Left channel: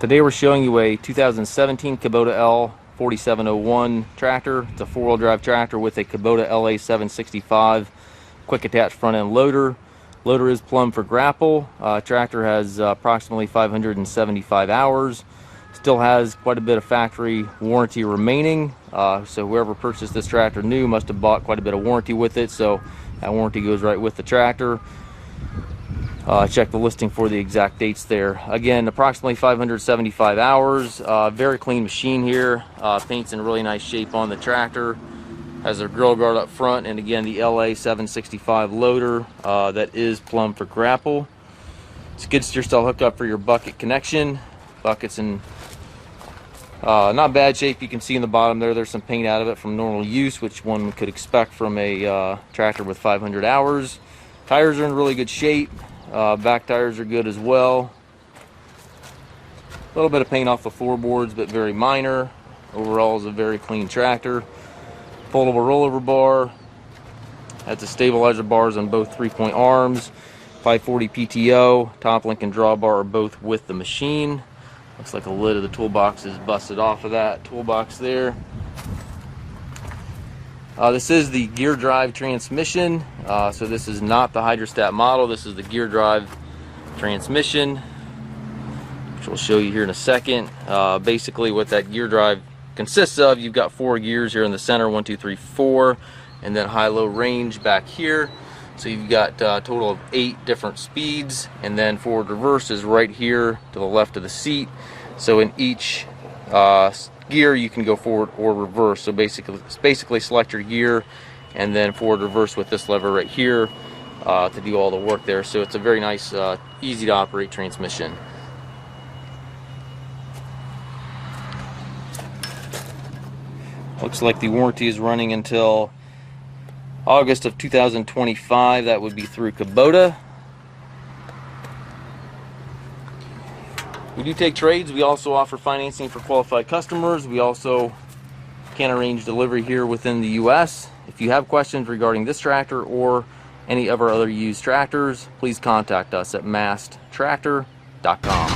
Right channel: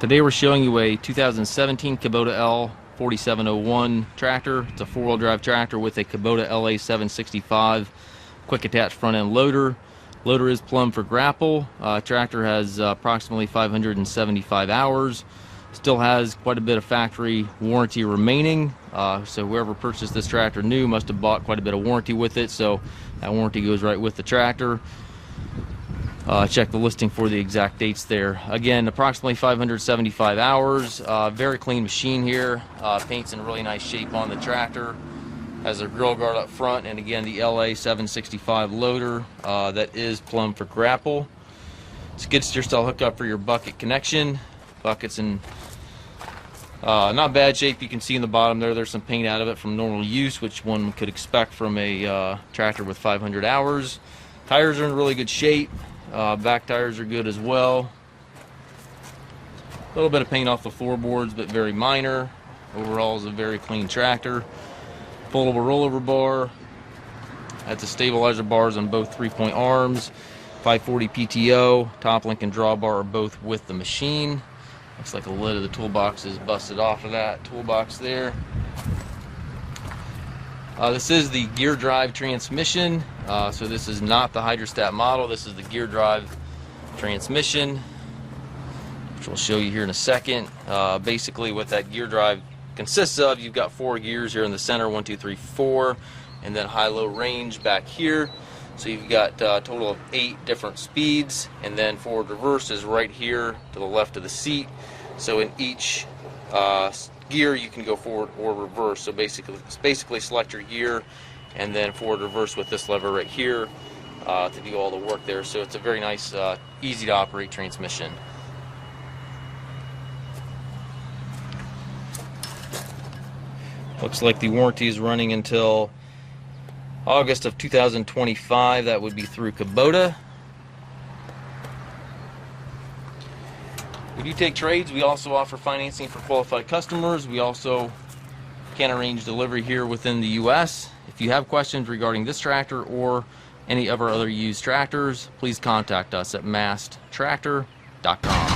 Today we're showing you a 2017 Kubota L4701 tractor. It's a four-wheel drive tractor with a Kubota LA765 quick attach front end loader. Loader is plumbed for Grapple. Tractor has approximately 575 hours. Still has quite a bit of factory warranty remaining. So whoever purchased this tractor new must have bought quite a bit of warranty with it. So that warranty goes right with the tractor. Check the listing for the exact dates there. Again, approximately 575 hours. Very clean machine here. Paint's in really nice shape on the tractor. Has a grill guard up front, and again the LA765 loader that is plumbed for Grapple. Skid steer style hookup for your bucket connection. Bucket's in not bad shape. You can see in the bottom there's some paint out of it from normal use, which one could expect from a tractor with 500 hours. Tires are in really good shape. Back tires are good as well. A little bit of paint off the floorboards, but very minor. Overall is a very clean tractor. Foldable rollover bar. That's a stabilizer bars on both 3-point arms. 540 PTO. Top link and drawbar are both with the machine. Looks like the lid of the toolbox is busted off of that toolbox there. This is the gear drive transmission, so this is not the hydrostat model. This is the gear drive transmission, which we'll show you here in a second. Basically what that gear drive consists of, you've got 4 gears here in the center, 1, 2, 3, 4, and then high-low range back here. So you've got a total of 8 different speeds, and then forward reverse is right here to the left of the seat. So in each gear you can go forward or reverse. So basically select your gear and then forward reverse with this lever right here to do all the work there. So it's a very nice easy to operate transmission. Looks like the warranty is running until August of 2025. That would be through Kubota. We do take trades. We also offer financing for qualified customers. We also can arrange delivery here within the U.S. If you have questions regarding this tractor or any of our other used tractors, please contact us at masttractor.com.